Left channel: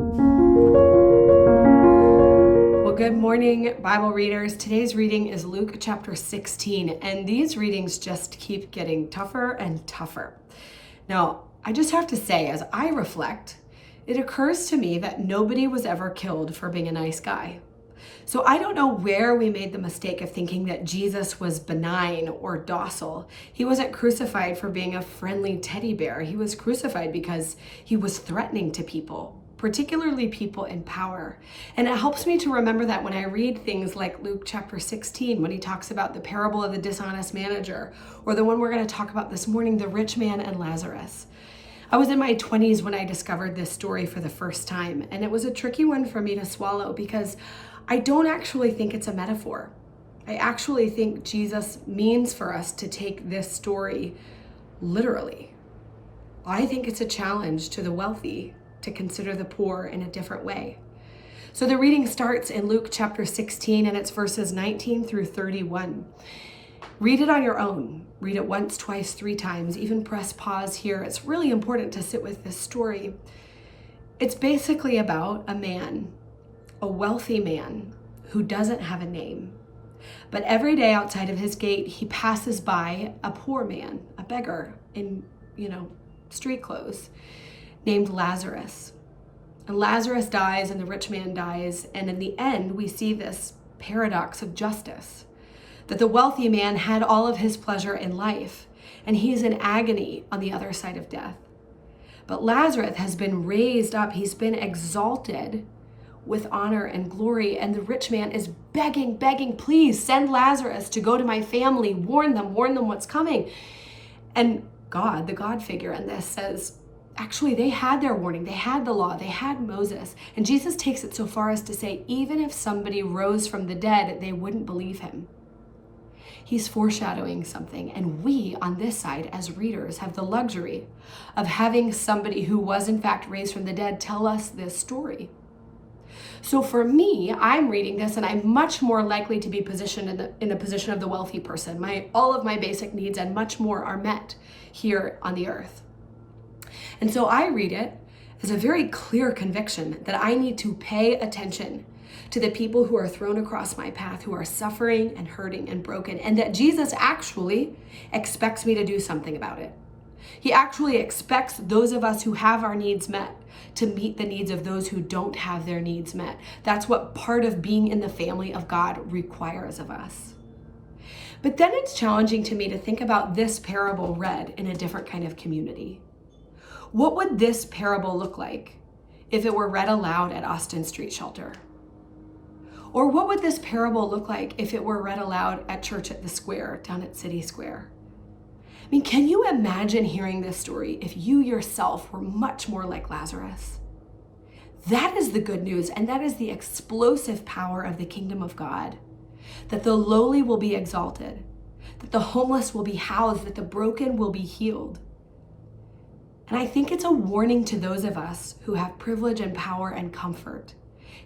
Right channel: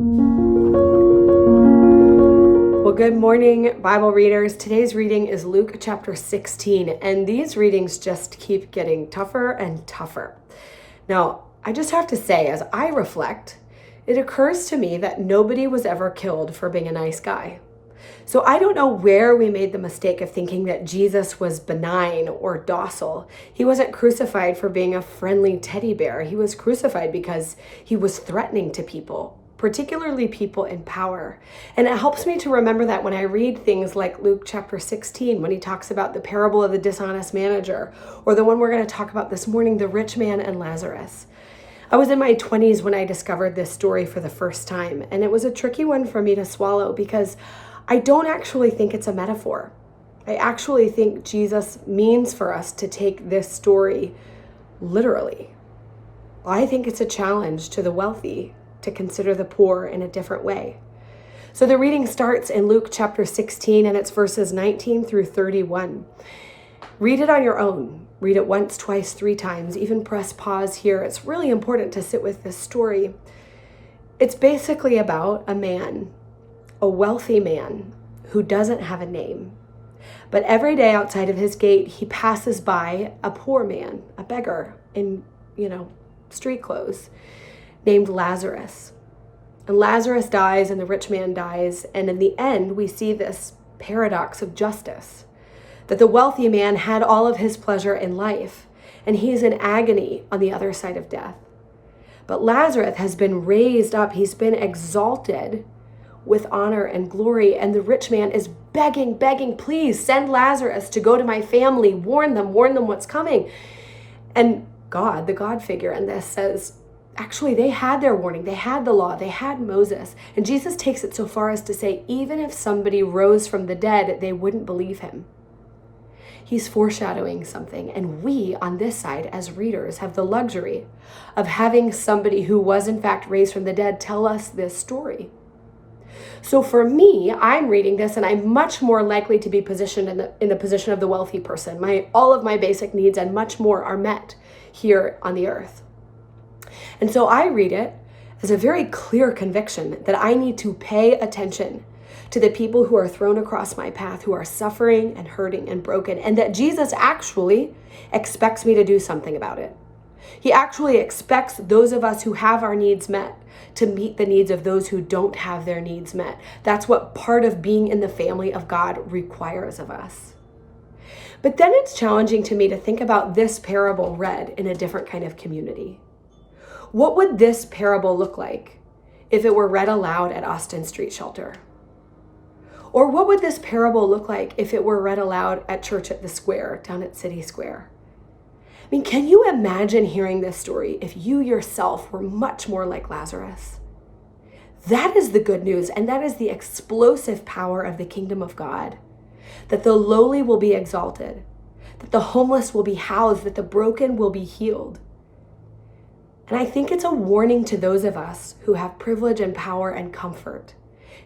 Well, good morning, Bible readers. Today's reading is Luke chapter 16, and these readings just keep getting tougher and tougher. Now, I just have to say, as I reflect, it occurs to me that nobody was ever killed for being a nice guy. So I don't know where we made the mistake of thinking that Jesus was benign or docile. He wasn't crucified for being a friendly teddy bear. He was crucified because he was threatening to people, particularly people in power. And it helps me to remember that when I read things like Luke chapter 16, when he talks about the parable of the dishonest manager, or the one we're going to talk about this morning, the Rich Man and Lazarus. I was in my 20s when I discovered this story for the first time, and it was a tricky one for me to swallow because I don't actually think it's a metaphor. I actually think Jesus means for us to take this story literally. I think it's a challenge to the wealthy to consider the poor in a different way. So the reading starts in Luke chapter 16, and it's verses 19 through 31. Read it on your own. Read it once, twice, 3 times. Even press pause here. It's really important to sit with this story. It's basically about a man, a wealthy man who doesn't have a name. But every day outside of his gate, he passes by a poor man, a beggar in, street clothes, named Lazarus. And Lazarus dies and the rich man dies. And in the end, we see this paradox of justice, that the wealthy man had all of his pleasure in life, and he's in agony on the other side of death. But Lazarus has been raised up. He's been exalted with honor and glory. And the rich man is begging, please send Lazarus to go to my family. Warn them what's coming. And God, the God figure in this, says, actually, they had their warning. They had the law. They had Moses. And Jesus takes it so far as to say, even if somebody rose from the dead, they wouldn't believe him. He's foreshadowing something. And we, on this side, as readers, have the luxury of having somebody who was in fact raised from the dead tell us this story. So for me, I'm reading this and I'm much more likely to be positioned in the position of the wealthy person. All of my basic needs and much more are met here on the earth. And so I read it as a very clear conviction that I need to pay attention to the people who are thrown across my path, who are suffering and hurting and broken, and that Jesus actually expects me to do something about it. He actually expects those of us who have our needs met to meet the needs of those who don't have their needs met. That's what part of being in the family of God requires of us. But then it's challenging to me to think about this parable read in a different kind of community. What would this parable look like if it were read aloud at Austin Street Shelter? Or what would this parable look like if it were read aloud at church at the square, down at City Square? I mean, can you imagine hearing this story if you yourself were much more like Lazarus? That is the good news, and that is the explosive power of the kingdom of God, that the lowly will be exalted, that the homeless will be housed, that the broken will be healed. And I think it's a warning to those of us who have privilege and power and comfort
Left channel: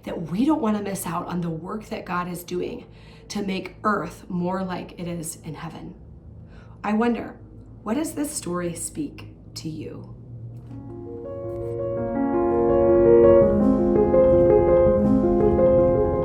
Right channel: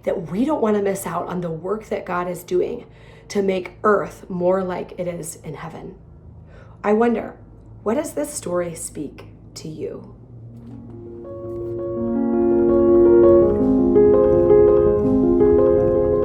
that we don't want to miss out on the work that God is doing to make earth more like it is in heaven. I wonder, what does this story speak to you?